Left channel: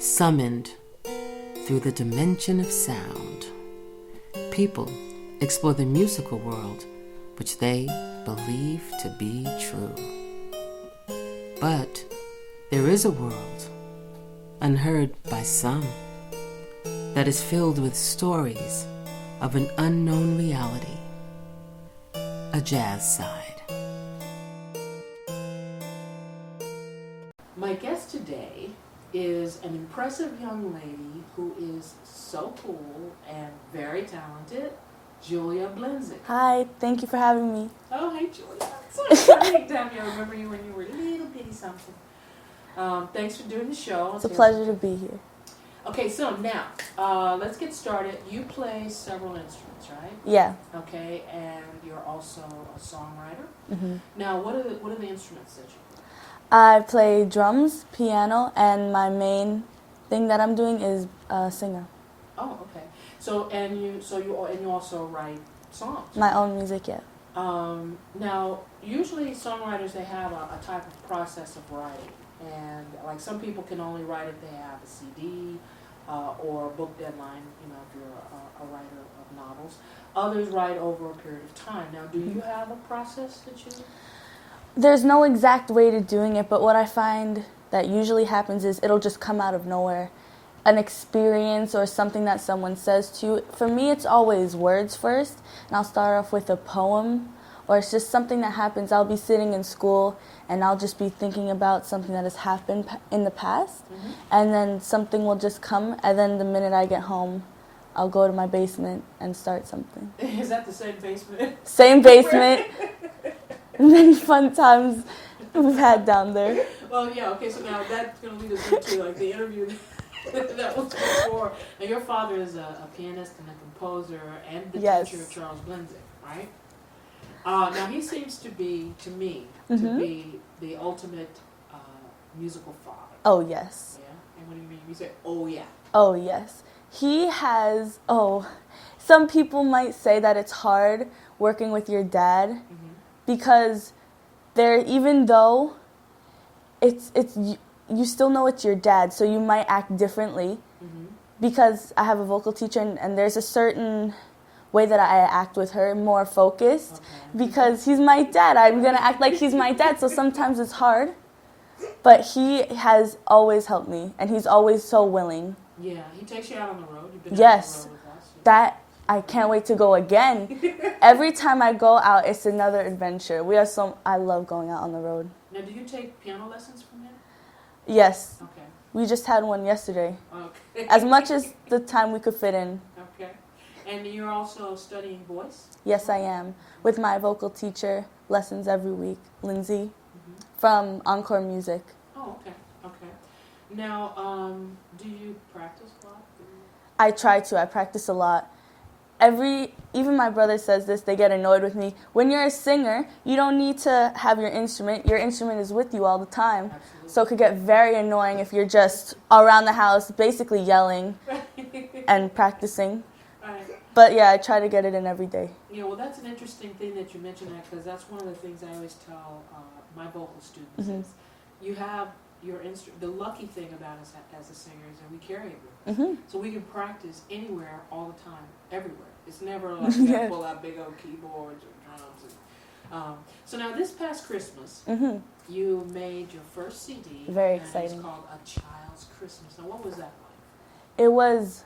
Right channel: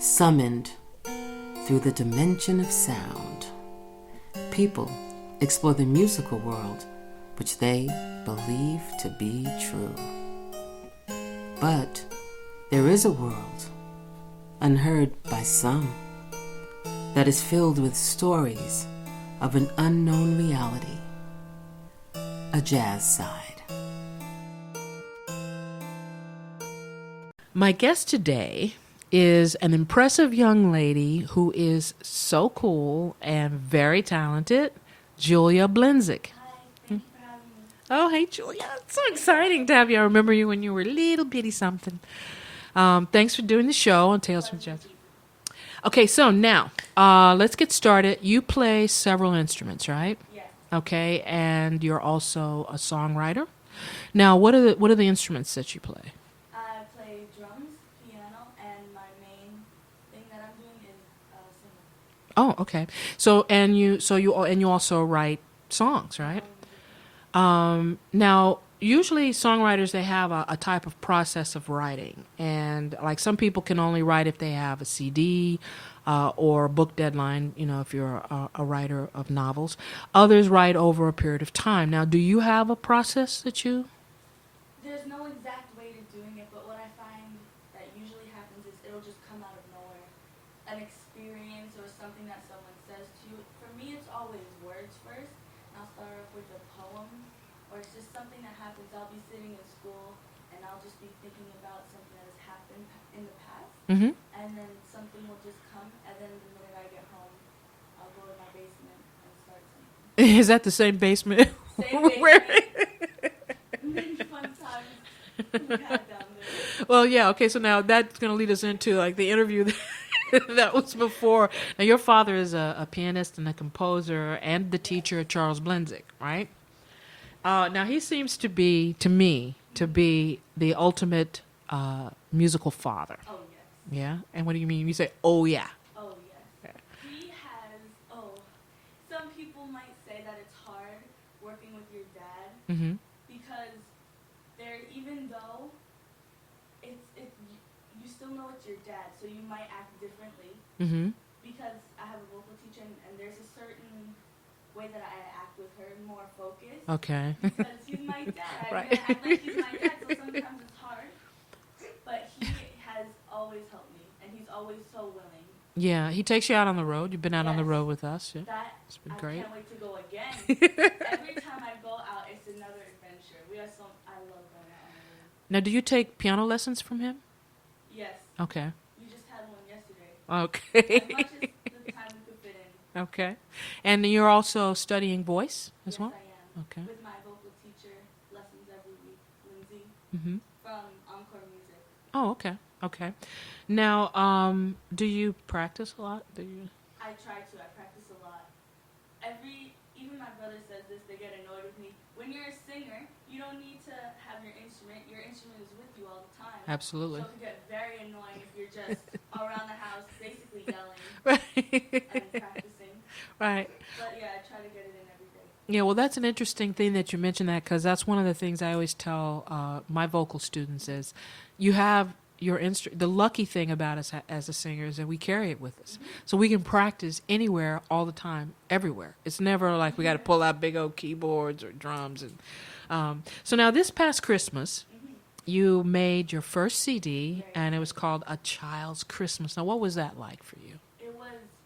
Summoned through the dimension of sound, people explore the musical world which they believe to be true. But there is a world, unheard by some, that is filled with stories of an unknown reality, a jazz side. My guest today is an impressive young lady who is so cool and very talented, Julia Blenzig. Hi, thank you for having me. Oh, hey, Julia. It's so exciting to have you. I remember you when you were a little bitty something. Thanks for doing the show. It's a pleasure to be here. Okay, so now, let's get started. You play several instruments, right? Yeah. Okay, and you're also a songwriter. Mm-hmm. Now, what are the instruments that you play? I play drums, piano, and my main thing that I'm doing is singer. Oh, okay. So you also write songs, right? My own music, yeah. Now, usually songwriters, they have a type of process of writing, and like some people can only write if they have a CD or a book deadline. You know, if you're a writer of novels. Others write over a period of time. Now, do you have a process that you? There's no exact way to doing it, but what I find that usually happens is it'll just come out of nowhere. An experience or something that someone says to you. For me, it's always words first, and I'll start off with a poem, or it's just something that happens. I'll be sitting in school, and I'll just be thinking about something that has happened in the past, mm-hmm. and then something will just come, and then the minute I get home, I'll go to my basement and start something. Is that the same basement? Same basement. Many fun times we've had down there. Well, yeah, okay, so now that's going to lead us into like the interview that was before. Now, your father is a pianist and a composer and the teacher of Charles Blenzig, right? Now, he seems to be, to me, mm-hmm. to be the ultimate musical father. Oh, yes. Yeah? And what do you mean? You say, oh, yeah. Oh, yes. He has, some people might say that it's hard working with your dad. Mm-hmm. Because even though you still know it's your dad, so you might act differently. Mm-hmm. Because I have a vocal teacher, and there's a certain way that I act with her, more focused. Okay. Because he's my dad. I'm going to act like he's my dad, so sometimes it's hard. But he has always helped me, and he's always so willing. Yeah, he takes you out on the road. You've been out on the road with us. That I can't wait to go again. Every time I go out, it's another adventure. I love going out on the road. Now, do you take piano lessons from him? Yes. Okay. We just had one yesterday. Okay. As much as the time we could fit in. Okay. And you're also studying voice? Yes, I am. Okay. With my vocal teacher, lessons every week, Lindsay, mm-hmm. from Encore Music. Oh, okay. Okay. Now, do you practice a lot? I try to. I practice a lot. Even my brother says this, they get annoyed with me. When you're a singer, you don't need to have your instrument. Your instrument is with you all the time. Absolutely. So it could get very annoying if you're just around the house basically yelling and practicing. Right. But yeah, I try to get it in every day. Yeah, well, that's an interesting thing that you mentioned that, because that's one of the things I always tell my vocal students mm-hmm. is you have the lucky thing about us as a singer is that we carry it with us. Mm-hmm. So we can practice anywhere, all the time, everywhere. It's never like we got to pull out big old keyboards or drums. And so now this past Christmas, mm-hmm. you made your first CD, very and exciting. It was called A Child's Christmas. Now, what was that like for you? It was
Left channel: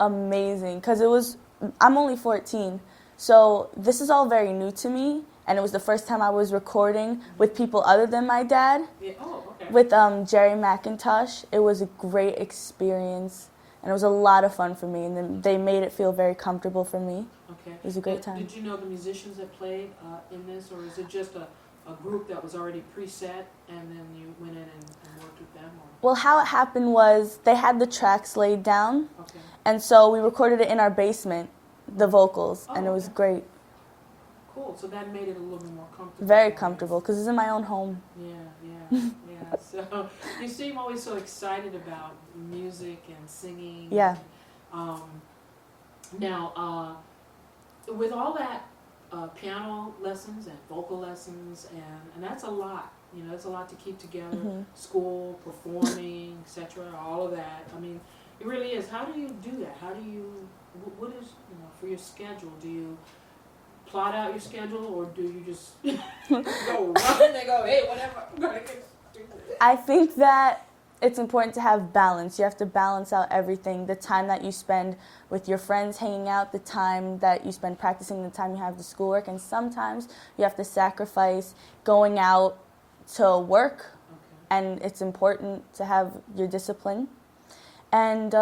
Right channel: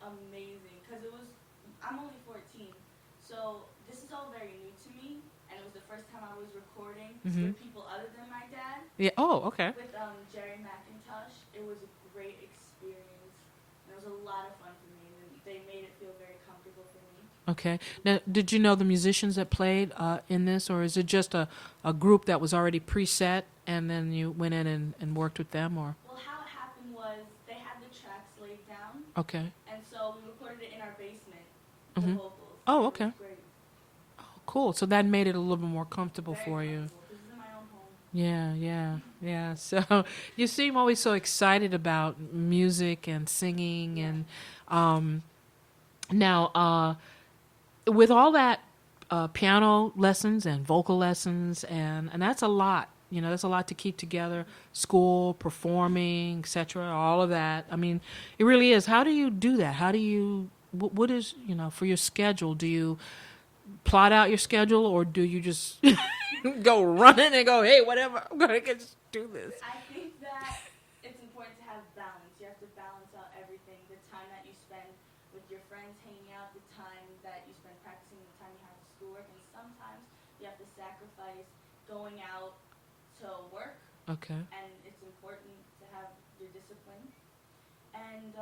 amazing, because I'm only 14, so this is all very new to me. And it was the first time I was recording mm-hmm. with people other than my dad. Yeah. Oh, okay. With Jerry McIntosh. It was a great experience, and it was a lot of fun for me. And then they made it feel very comfortable for me. Okay. It was a great time. Did you know the musicians that played in this, or is it just a group that was already preset, and then you went in and worked with them? Or? Well, how it happened was they had the tracks laid down. Okay. And so we recorded it in our basement, the mm-hmm. vocals, and it was great. Cool. So that made it a little bit more comfortable. Very comfortable, because it's in my own home. Yeah. So you seem always so excited about music and singing. Yeah. And, now, with all that piano lessons and vocal lessons, and that's a lot You know, there's a lot to keep together. School, performing, etc. All of that. I mean, it really is. How do you do that? How do you? What is, you know, for your schedule? Do you plot out your schedule, or do you just go running and go, hey, whatever, I'm gonna do this? I think that it's important to have balance. You have to balance out everything. The time that you spend with your friends hanging out, the time that you spend practicing, the time you have the schoolwork, and sometimes you have to sacrifice going out to work. Okay. And it's important to have your discipline. And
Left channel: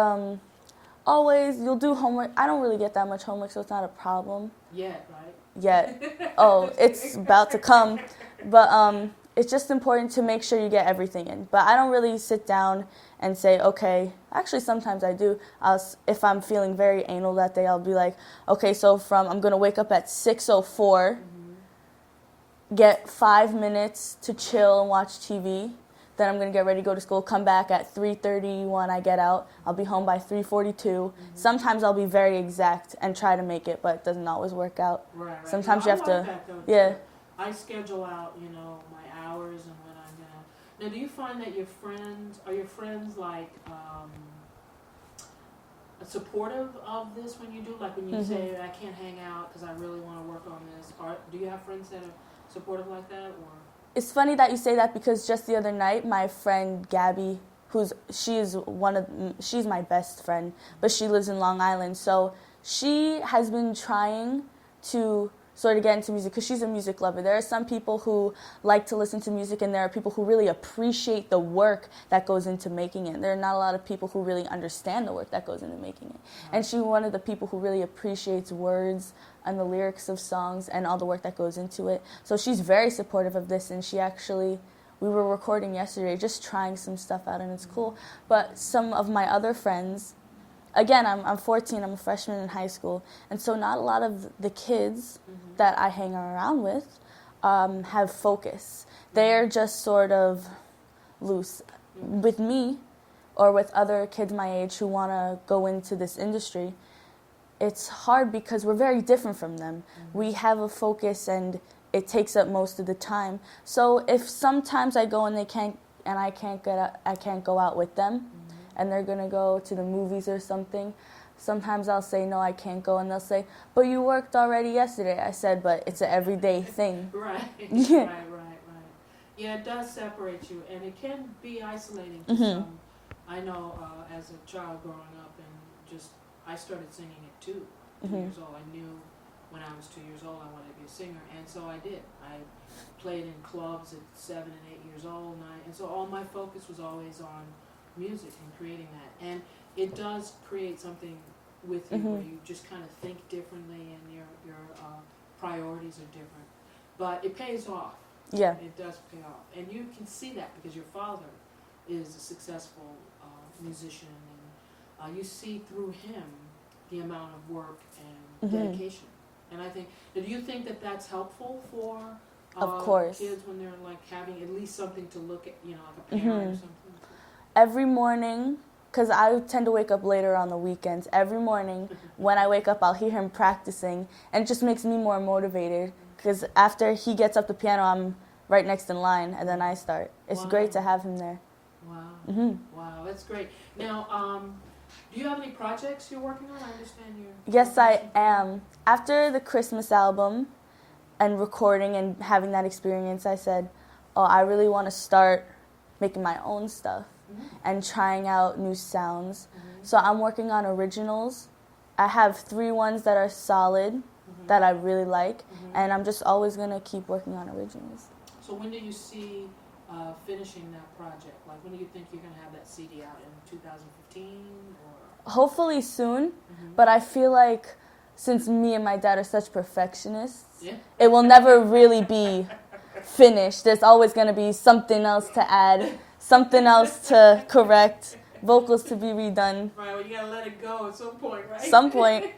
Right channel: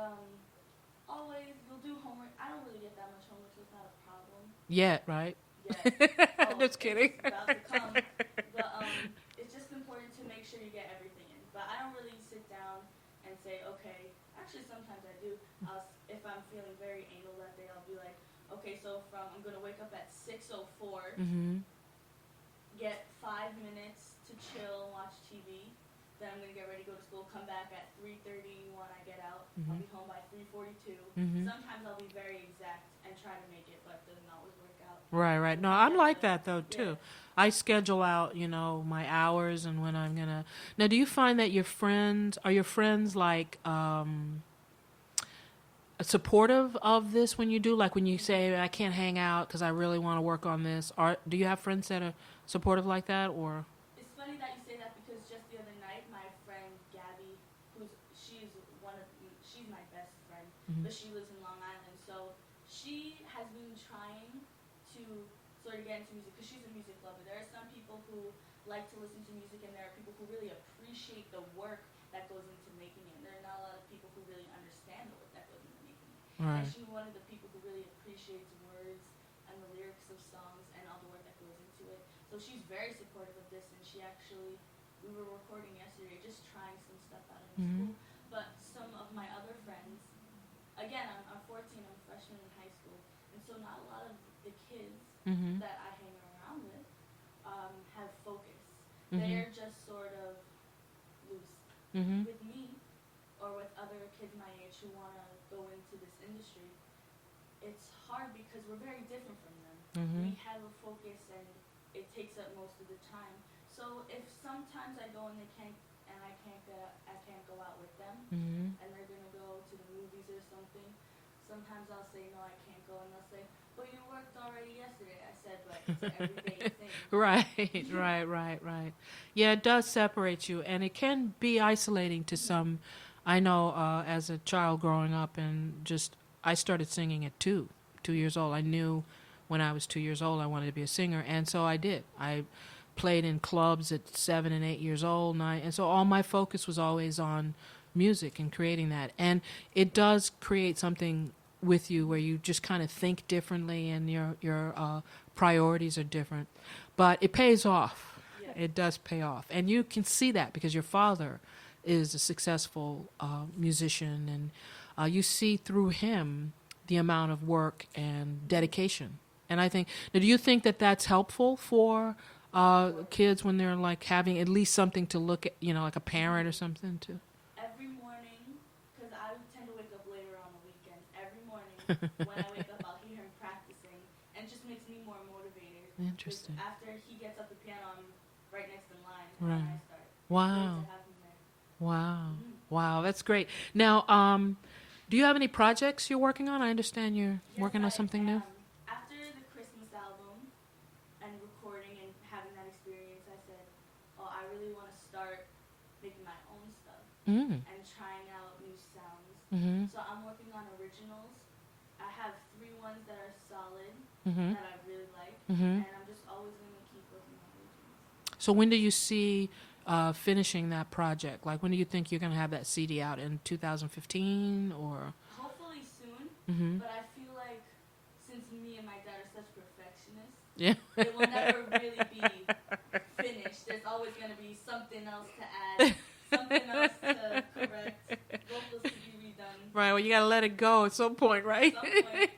always, you'll do homework. I don't really get that much homework, so it's not a problem. Yet, right? Yet. Oh, it's about to come. But it's just important to make sure you get everything in. But I don't really sit down and say, okay, actually sometimes I do. If I'm feeling very anal that day, I'll be like, okay, so I'm going to wake up at 6:04, get 5 minutes to chill and watch TV. Then I'm going to get ready to go to school, come back at 3:30 when I get out. I'll be home by 3:42. Sometimes I'll be very exact and try to make it, but it doesn't always work out. Right. Sometimes no, you have I like to, that, though, yeah. too. I schedule out, you know, my hours and when I'm going to... Now, do you find that are your friends, like, supportive of this when you do? Like, when you say, I can't hang out because I really want to work on this. Do you have friends that are supportive like that, or... It's funny that you say that because just the other night, my friend Gabby, she's my best friend, but she lives in Long Island. So she has been trying to sort of get into music because she's a music lover. There are some people who like to listen to music, and there are people who really appreciate the work that goes into making it. There are not a lot of people who really understand the work that goes into making it. Right. And she's one of the people who really appreciates words and the lyrics of songs and all the work that goes into it. So she's very supportive of this, and we were recording yesterday, just trying some stuff out, and it's cool. But some of my other friends, again, I'm 14, I'm a freshman in high school, and so not a lot of the kids that I hang around with have focus. They're just sort of loose. With me, or with other kids my age who want to go into this industry, it's hard because we're very different from them. We have a focus, and it takes up most of the time. So if sometimes I go and I can't go out with them, and they're gonna go to the movies or something, sometimes I'll say no, I can't go, and they'll say, but you worked already yesterday. I said, but it's an everyday thing. Right. Yeah, it does separate you, and it can be isolating to some. I know as a child growing up, and I started singing at 2 years old. I knew when I was 2 years old I wanted to be a singer, and so I did. I played in clubs at 7 and 8 years old, and so all my focus was always on music and creating that. And it does create something with you where you just kind of think differently, and your priorities are different. But it pays off. Yeah. It does pay off. And you can see that because your father is a successful musician, and you see through him the amount of work and dedication. And I think, do you think that that's helpful for kids when they're like having at least something to look at, you know, like a parent or something too? Every morning, because I tend to wake up later on the weekends, every morning when I wake up, I'll hear him practicing, and it just makes me more motivated because after he gets up the piano, I'm right next in line, and then I start. It's great to have him there. Wow. Wow, that's great. Now, do you have any projects you're working on? I understand you're working on something. Yes, I am. After the Christmas album and recording and having that experience, I said, oh, I really want to start making my own stuff and trying out new sounds. So I'm working on originals. I have 3 ones that are solid that I really like, and I'm just always going to keep working on originals. So when do you see finishing that project? Like, when do you think you're going to have that CD out? In 2015 or? Hopefully soon, but I feel like since me and my dad are such perfectionists, it will never really be finished. There's always going to be something else to add, something else to correct, vocals to be redone. Right, well, you got to let it go at some point, right? Some point.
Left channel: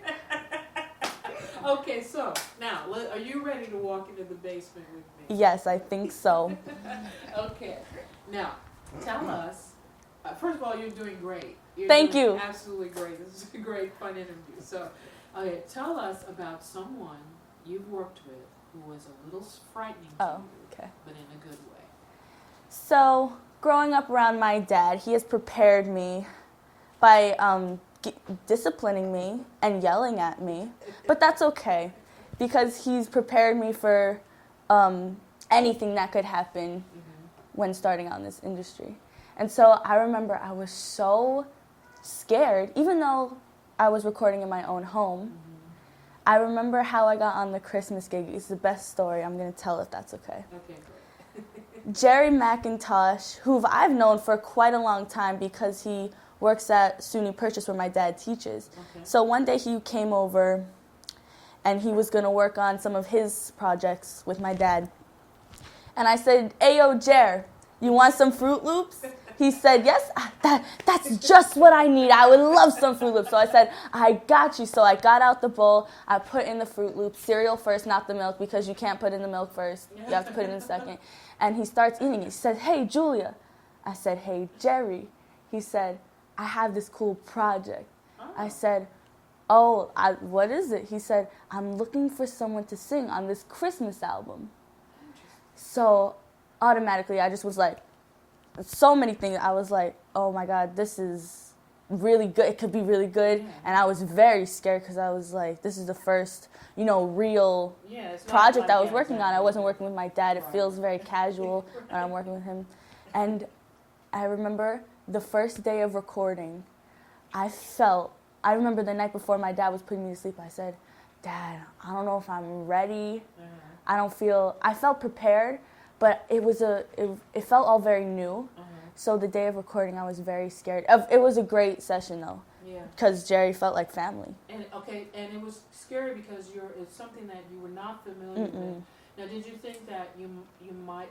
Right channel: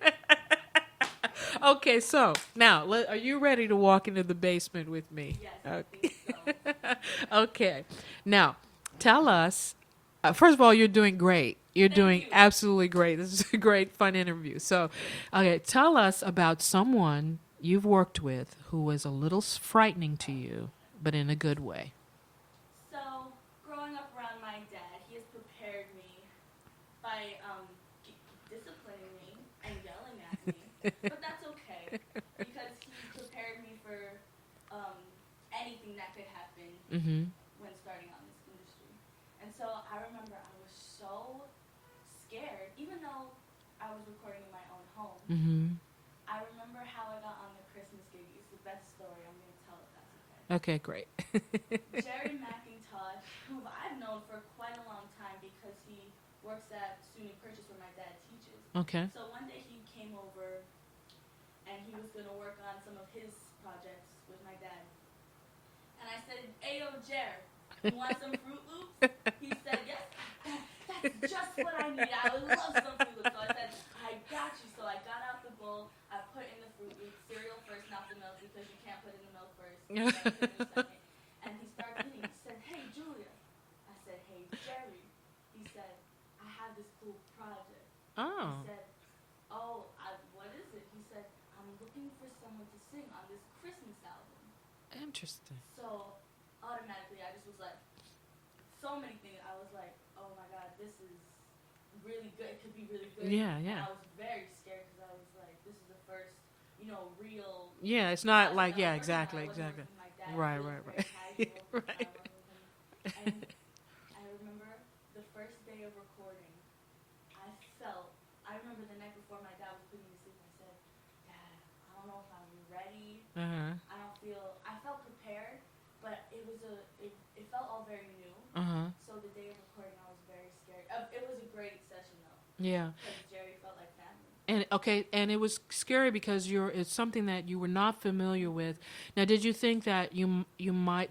Okay, so now, are you ready to walk into the basement with me? Yes, I think so. Okay. Now, tell us, first of all, you're doing great. Thank you. Absolutely great. This is a great, fun interview. So, okay, tell us about someone you've worked with who was a little frightening to you, but in a good way. So, growing up around my dad, he has prepared me by disciplining me and yelling at me. But that's okay, because he's prepared me for anything that could happen when starting out in this industry. And so I remember I was so scared, even though I was recording in my own home. I remember how I got on the Christmas gig. It's the best story. I'm going to tell if that's okay. Okay, great. Jerry McIntosh, who I've known for quite a long time because he works at SUNY Purchase where my dad teaches. Okay. So one day he came over and he was going to work on some of his projects with my dad. And I said, "Ayo, Jer, you want some Fruit Loops?" He said, "Yes, that's just what I need. I would love some Fruit Loops." So I said, "I got you." So I got out the bowl. I put in the Fruit Loops, cereal first, not the milk, because you can't put in the milk first. You have to put it in second. And he starts eating. He said, "Hey, Julia." I said, "Hey, Jerry." He said, "I have this cool project." Oh. I said, "Oh, what is it?" He said, "I'm looking for someone to sing on this Christmas album." Interesting. So automatically I just was like, so many things. I was like, oh my God, this is really good. It could be really good. Yeah. And I was very scared because I was like, this is the first, real it's not project like, I was working on. I wasn't working with my dad. Right, It feels right. very casual when I'm working with him. And I remember the first day of recording, I remember the night before my dad was putting me to sleep, I said, "Dad, I don't know if I'm ready. I felt prepared, but it felt all very new." So the day of recording, I was very scared. It was a great session though. Yeah. Because Jerry felt like family. And it was scary because it's something that you were not familiar with. Now, did you think that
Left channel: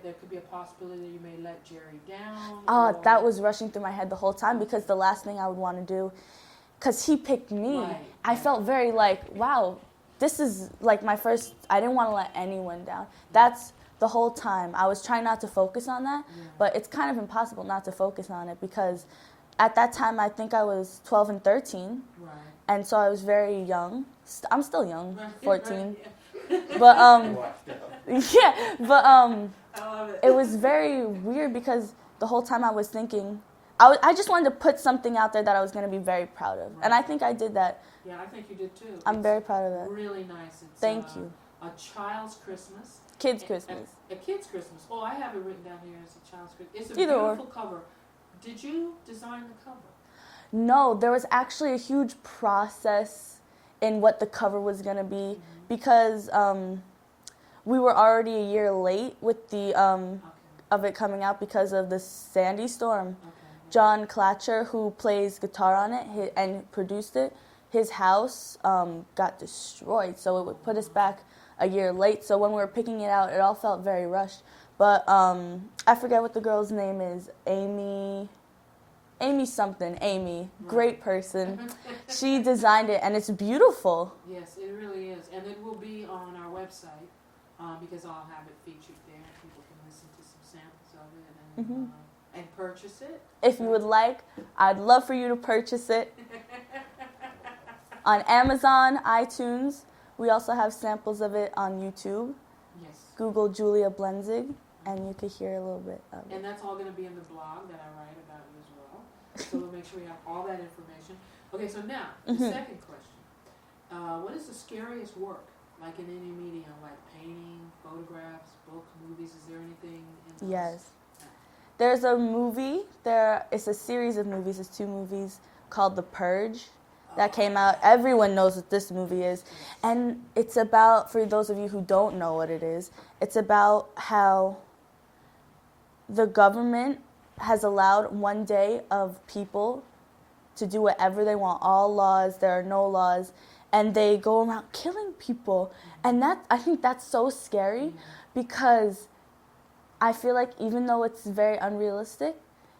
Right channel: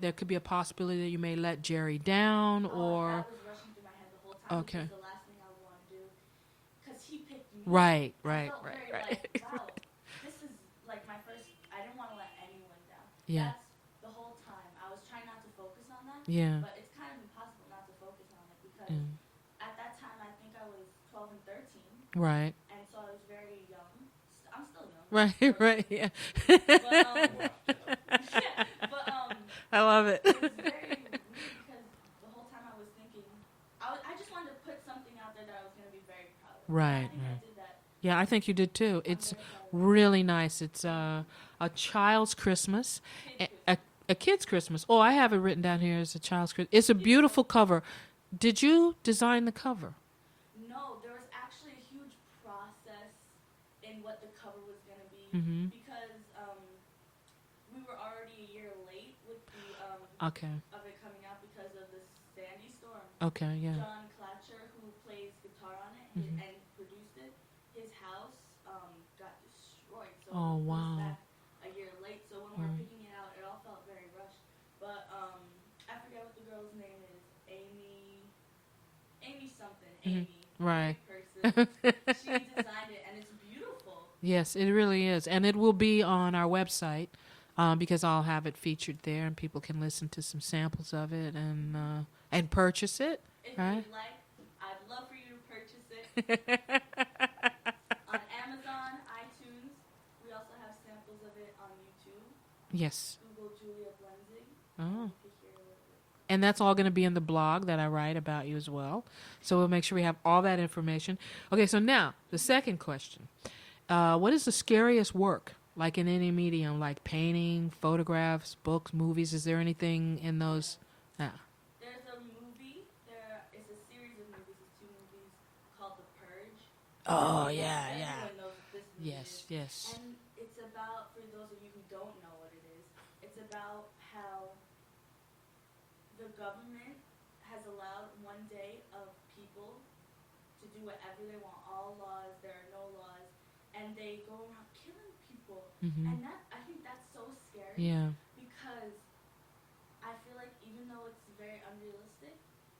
there could be a possibility that you may let Jerry down? Or? That was rushing through my head the whole time because Okay. the last thing I would want to do, because he picked me. Right. I felt very like, wow, this is like my first, I didn't want to let anyone down. Yeah. That's the whole time. I was trying not to focus on that, Yeah. but it's kind of impossible not to focus on it because at that time I think I was 12 and 13. Right. And so I was very young. I'm still young, Right. 14. Right. Yeah. But I love it. it was very weird because the whole time I was thinking, I just wanted to put something out there that I was going to be very proud of. And I Right, think I did that. Yeah, I think you did too. I'm It's very proud of that. really nice. It's Thank you. a child's Christmas. Kids' Christmas. A kid's Christmas. Oh, I have it written down here as a child's Christmas. It's a Either beautiful or. cover. Did you design the cover? No, there was actually a huge process in what the cover was going to be because we were already a year late with the Okay. of it coming out because of the Sandy storm. Okay. Yeah. John Clatcher, who plays guitar on it and produced it, his house got destroyed, so it would put us back a year late. So when we were picking it out, it all felt very rushed. But I forget what the girl's name is. Amy something. Amy, Right. great person. She designed it, and it's beautiful. Yes, it really is, and it will be on our website because I'll have it featured there, and people can listen to some samples of it and purchase it. If you would like, I'd love for you to purchase it on Amazon, iTunes. We also have samples of it on YouTube. Yes. Google Julia Blenzig, and you could hear a little bit of it. And that's all going to be in the blog that I write about you as well. So we'll make sure we have all that information. Okay, so now the second question. What is the scariest work, like in any medium, like painting, photographs, books, movies? Is there anything in those? Yes. Yeah. There's a movie. It's a series of movies. It's 2 movies called The Purge that came out. Everyone knows what this movie is. Yes. And it's about, for those of you who don't know what it is, it's about how the government has allowed one day of people to do whatever they want. All laws, there are no laws, and they go around killing people. And I think that's so scary because I feel like even though it's very unrealistic,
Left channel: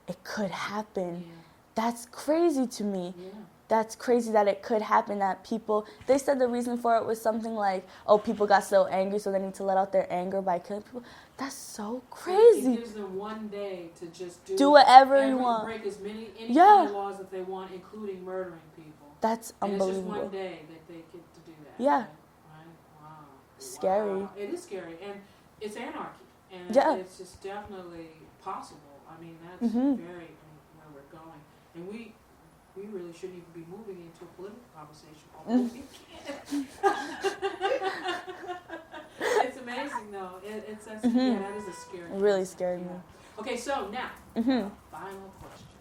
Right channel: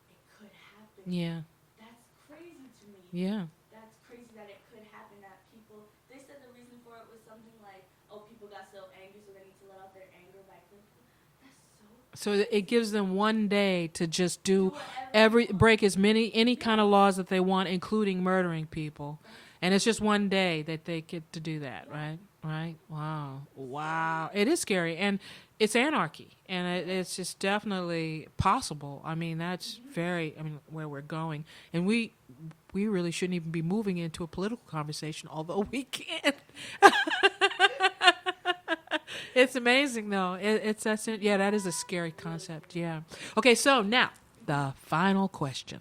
it could happen. Yeah. That's crazy to me. Yeah. That's crazy that it could happen, that people, they said the reason for it was something like, oh, people got so angry, so they need to let out their anger by killing people. That's so crazy. So it gives them one day to just do whatever you want. break any kind of laws that they want, including murdering people. That's And it's just one unbelievable. day that they get to do that. Yeah. Right? Wow. Scary. Wow. It is scary. And it's anarchy. And Yeah. it's just definitely possible. I mean, that's very, I mean, where we're going. And we really shouldn't even be moving into a political conversation, although we can. It's amazing, though. It's that's it. Yeah, that is a scary concept. Really scary. Yeah. Okay, so now the final question.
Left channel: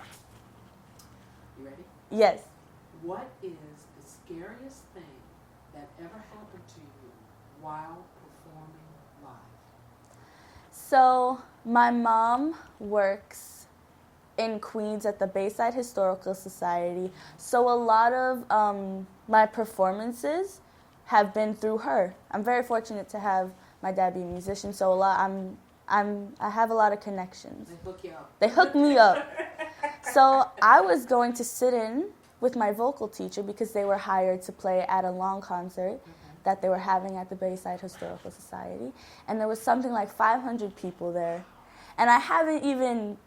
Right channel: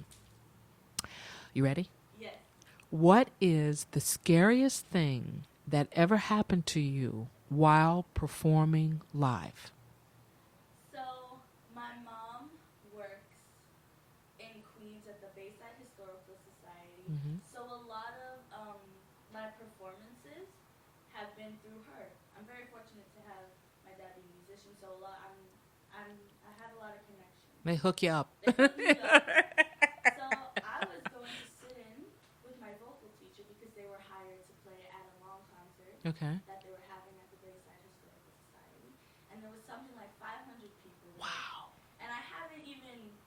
You ready? Yes. What is the scariest thing that ever happened to you while performing live? So my mom works in Queens at the Bayside Historical Society. So a lot of my performances have been through her. I'm very fortunate to have my dad be a musician. So I have a lot of connections. They hook you up. They hooked me up. So I was going to sit in with my vocal teacher because they were hired to play at a long concert that they were having at the Bayside Historical Society. And there was something like 500 people there. Wow. And I haven't even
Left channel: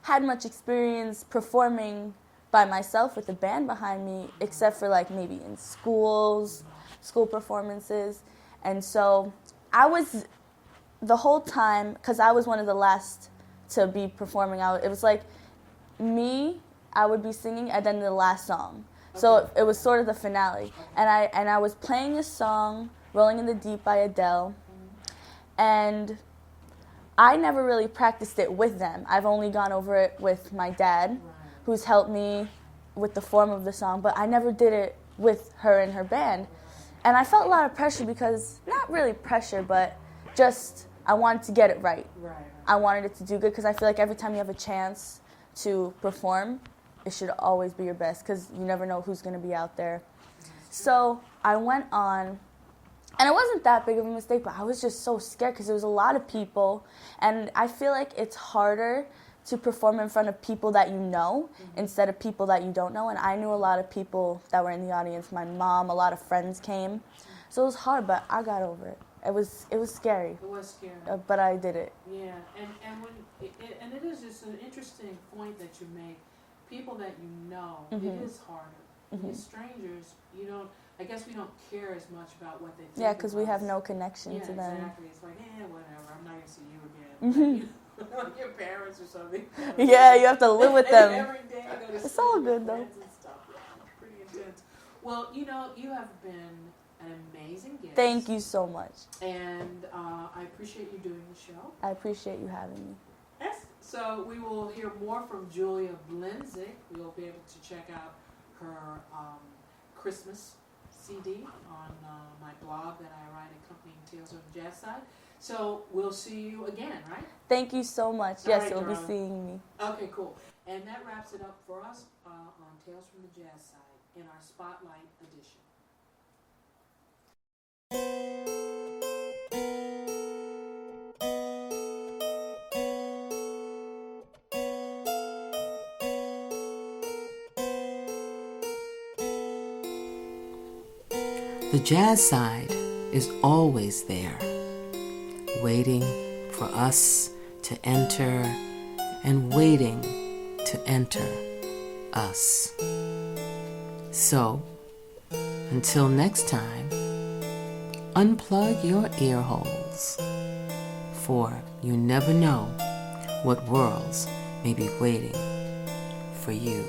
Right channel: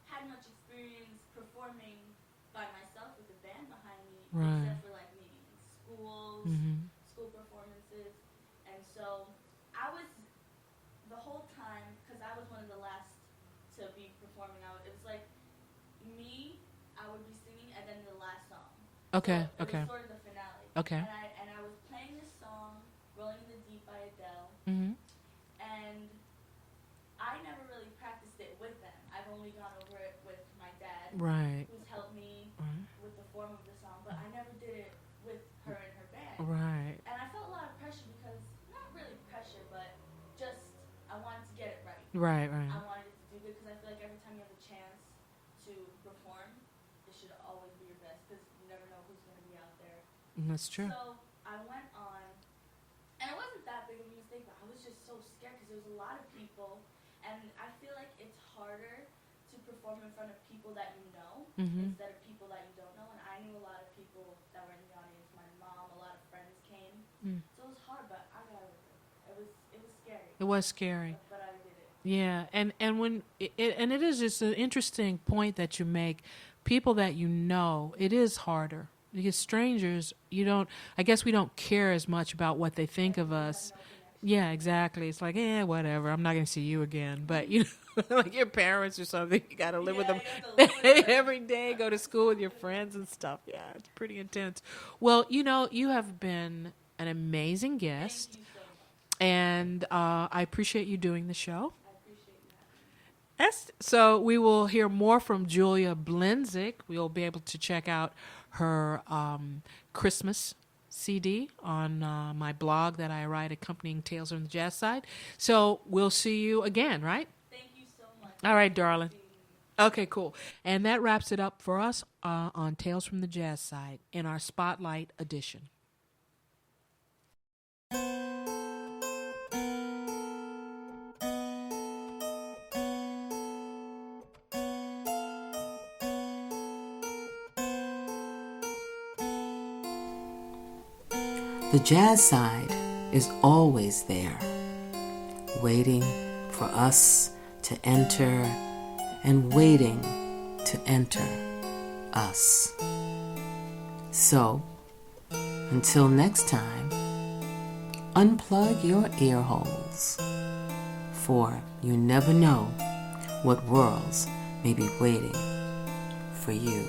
had much experience performing by myself with a band behind me, except for like maybe in schools, school performances. And so I was, the whole time, because I was one of the last to be performing, it was like me, I would be singing, and then the last song. So it was sort of the finale. And I was playing a song, Rolling in the Deep by Adele, and I never really practiced it with them. I've only gone over it with my dad, who's helped me with the form of the song, but I never did it with her and her band. And I felt a lot of pressure because, not really pressure, but just I wanted to get it right. I wanted it to do good because I feel like every time you have a chance to perform, it should always be your best because you never know who's going to be out there. That's true. So I went on, and it wasn't that big of a mistake, but I was just so scared because there was a lot of people, and I feel like it's harder to perform in front of people that you know instead of people that you don't know. And I knew a lot of people that were in the audience. My mom, a lot of friends came. So it was hard, but I got over it. It was scary. It was scary. But I did it. Yeah, and when it is just an interesting point that you make. People that you know, it is harder. Because strangers, I guess we don't care as much about what they think of us. Yeah, because we have no connection to them. Exactly. It's like, whatever. I'm not going to see you again. But, like your parents or something, you got to live with them. You have to live with them. Every day, go to school with your friends and stuff. Yeah, it's pretty intense. Well, you have been an amazing guest. Thank you so much. And I appreciate you doing the show. I appreciate you having me. So we will hear more from Julia Blenzig. We'll be able to check out her Christmas CD on my blog that I write accompanying Tales from the Jazz Side. So we'll see you again, right? Thank you so much. All right, you'll darling. Be seeing me. Okay, cool. And that wraps it up for us on Tales from the Jazz Side in our Spotlight edition. The jazz side is always there, waiting for us to enter and waiting to enter us. So, until next time, unplug your ear holes, for you never know what worlds may be waiting for you.